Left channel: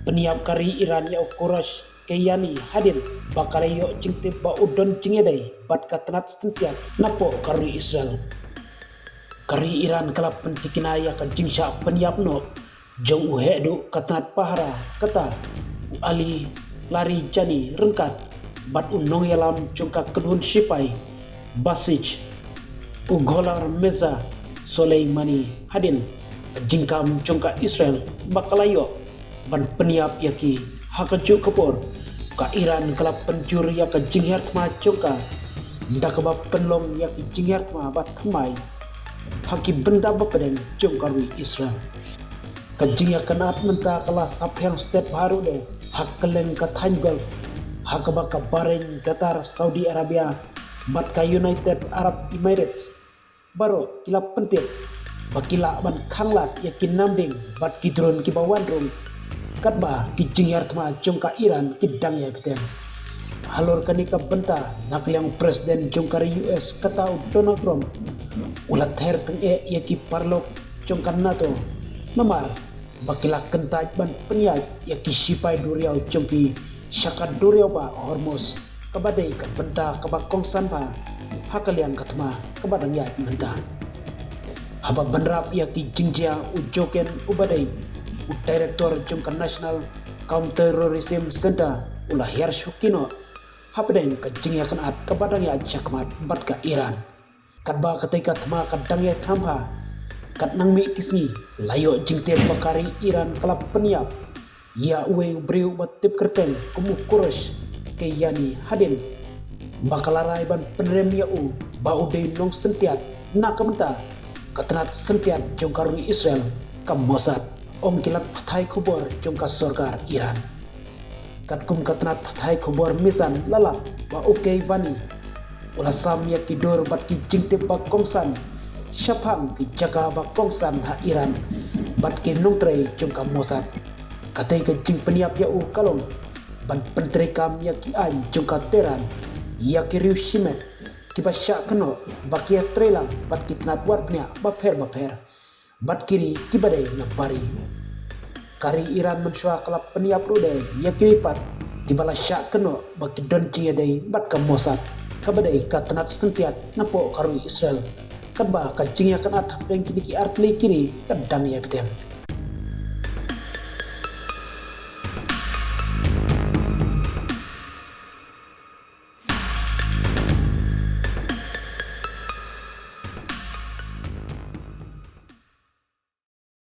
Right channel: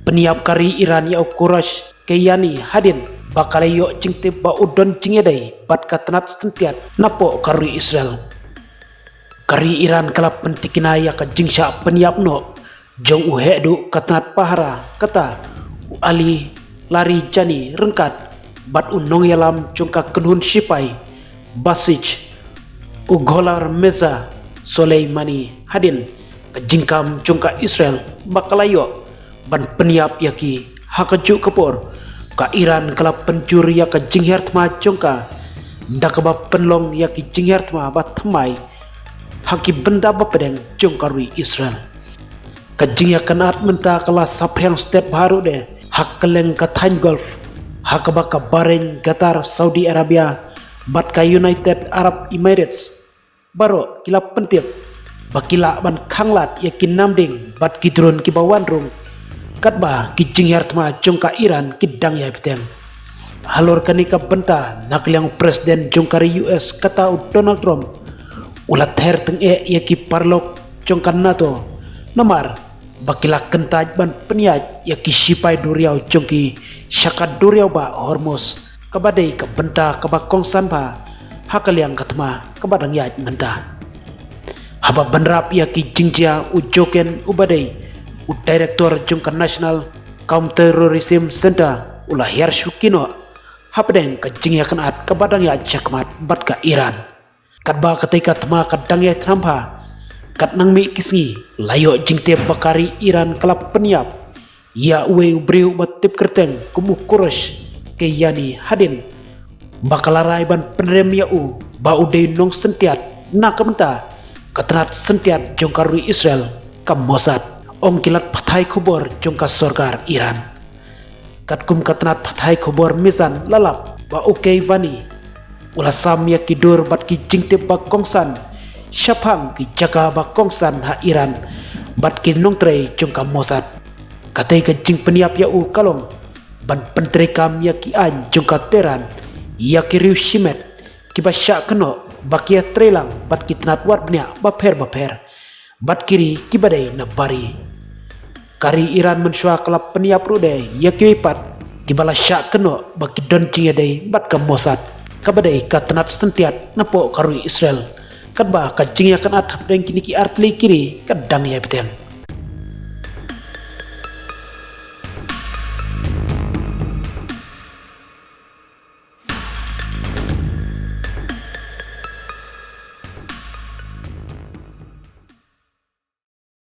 Peniap kari Iran ya Quraisy kayani hadin bakalayo jingte ba udon jingedai bat katanat sentiat napo kari Israel. Kari Iran kala pentikina ya ka jingsha peniap no jong uhedu katanat pahara kata ali lari jani rengkat bat unong yalam jongka kedun sipai basij ugolar meza Soleimani hadin kejingkam jongka Israel bakalayo ban peniap yaki hakaju kapor ka Iran kala penjur ya ka jinghertma jongka dakaba penlong yaki jinghertma bat thamai haki benda bapedeng jongkari Israel ka jingya kanat menta kala sapriang step baru de hak keleng ka Time Gulf hakaba ka Bahrain Qatar Saudi Arabia bat ka United Arab Emirates baro kila pentip bakila ban khanglat yakin namding bat kidron ki bawandrung katba ki jinghertma jongka Iran kidang ya beteng halor kanika benta nakliang presiden jongkari US kata Donald Trump ulat her teng yaki parlok jongka NATO nomar bakila kentaj ban peniaj yaki sipai duriau jongki syakat duriau ba Hormuz kabadai ka benta kaba kongsan ba hakaliang katma kabadang ya menta haba banrap yaki jingjia ujoken ubadai Direktur Jungkan National Counter-Terrorism Center ulah hiar syukino hapdeng kejing ya kanat kabadang ya jakmat bat ka Iran katba ketika tema kadang ya trampa kat nang mi kisngi layo jingte bakari Iran kelap peniap ya uwe ubriu batip kerteng kumu Quraisy ke yani hadin bakalarai ban penerem ya u ba udai nong sentiat na kementa katanat sentiat jongkarui Israel kam Mossad Om kilat pathai khobor jongka sorgar Iran katkum katnat pathai khobor misan lalap ba ukei vani ulah sam ya kidur bat ki jingte ba kongsan syapang ki jaga ba kongsan ha Iran bat ki nongtrei jongka Mossad katai ka jing peniap ya u kalong ban pentre kam ya ki an jongka Teheran ya ki riu shimet ki ba syak keno bakia trelang bat ki tnat war bnya ba pher bat kiri kibadai na bari kari Iran mensua kelap peniap rude ya kiwipat kibala syak keno baki don cingedai bat ka Mossad kabadai ka tenat sentiat napo karui Israel kadba ka jingya kanat hapdeng kini ki artli kiri kadang ya beteng